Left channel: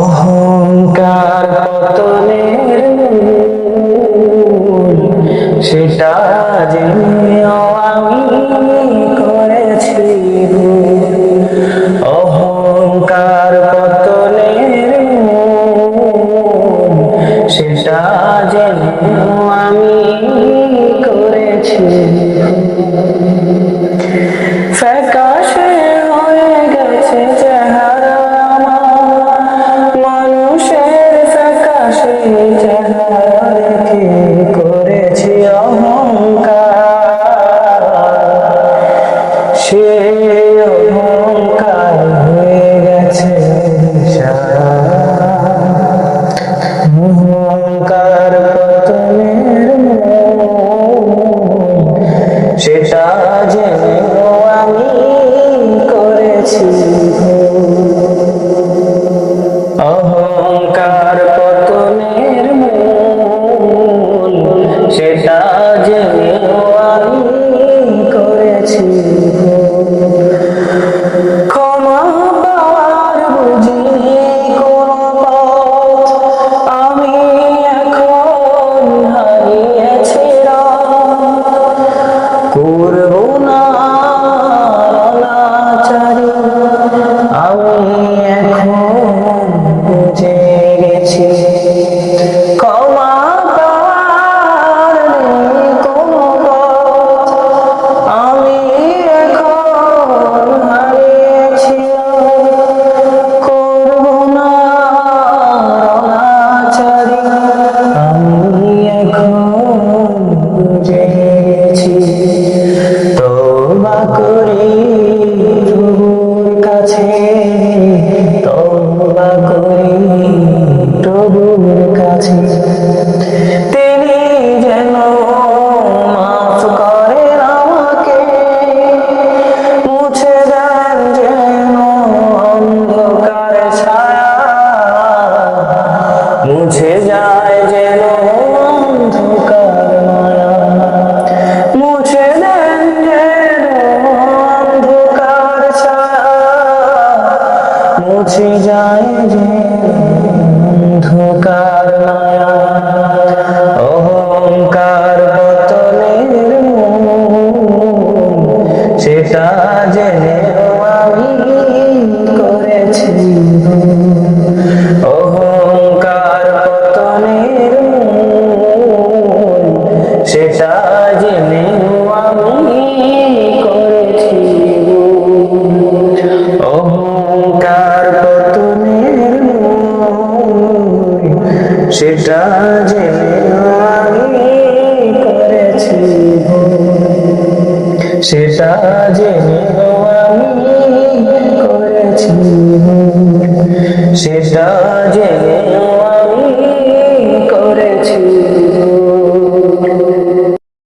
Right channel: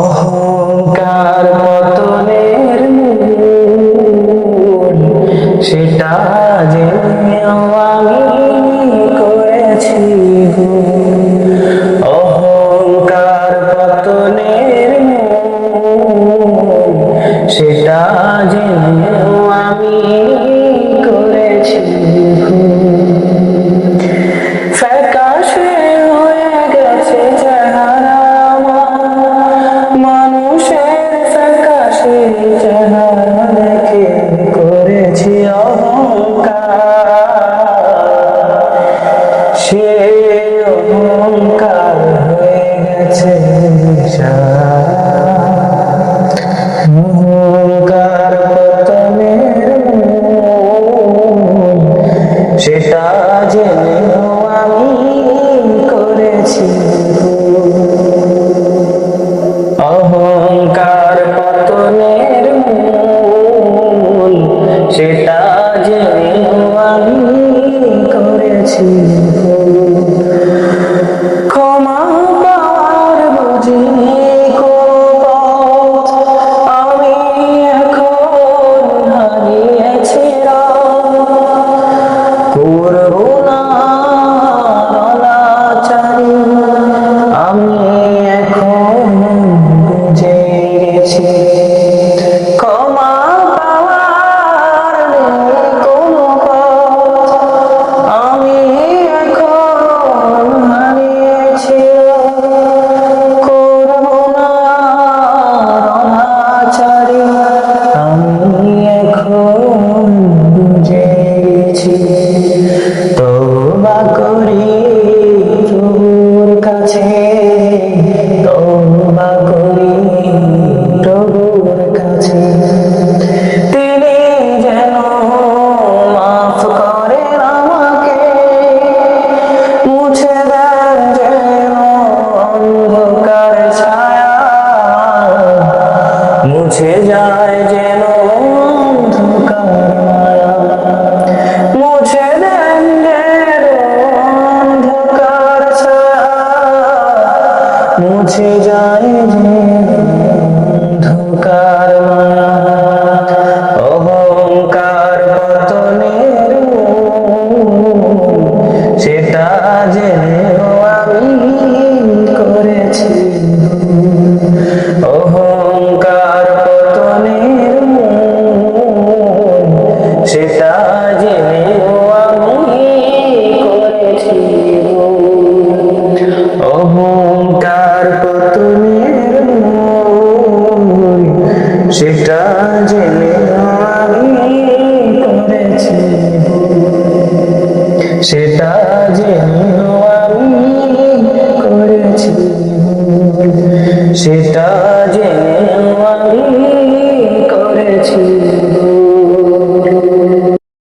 অহংকার পতনের মূল, সেটা জেনেও আমি করেছি ভুল। অহংকার পতনের মূল, সেটা জেনেও আমি করেছি ভুল। ফ্যাকাশে হয়ে গেছে চেহারা আমার, মানুষের ফ্যাকাশে চেহারা দেখে করেছি অহংকার। সে অহংকার হয়ে গেছে অহংকার পতনের মূল, সেটা জেনেও আমি করেছি ভুল। অহংকার পতনের মূল, সেটা জেনেও আমি করেছি ভুল। ক্ষমা পাওয়ার বুঝিনি কোনো পথ, আমি এখন হারিয়েছি রাত। করব না অনাচারী, আমি এখন বুঝে গেছি। ক্ষমা পাওয়ার নেই কোনো পথ, আমি এখন হারিয়েছি। করব না অনাচারী, আমি এখন বুঝে গেছি। তওবা করি প্রভুর কাছে, তওবা করি প্রভুর কাছে, তিনি যেন মাফ করেন আমাকে, মুছে দেন যেন অন্ধকার ছায়া, মুছে যায় যেন অন্ধকার মায়া, মুছে দেন যেন অন্ধকার ছায়া, মুছে যায় যেন অন্ধকার মায়া। অহংকার পতনের মূল, সেটা জেনেও আমি করেছি ভুল। অহংকার পতনের মূল, সেটা জেনেও আমি করেছি ভুল। অহংকার পতনের মূল, সেটা জেনেও আমি করেছি ভুল। সেটা জেনেও আমি করেছি ভুল। সেটা জেনেও আমি করেছি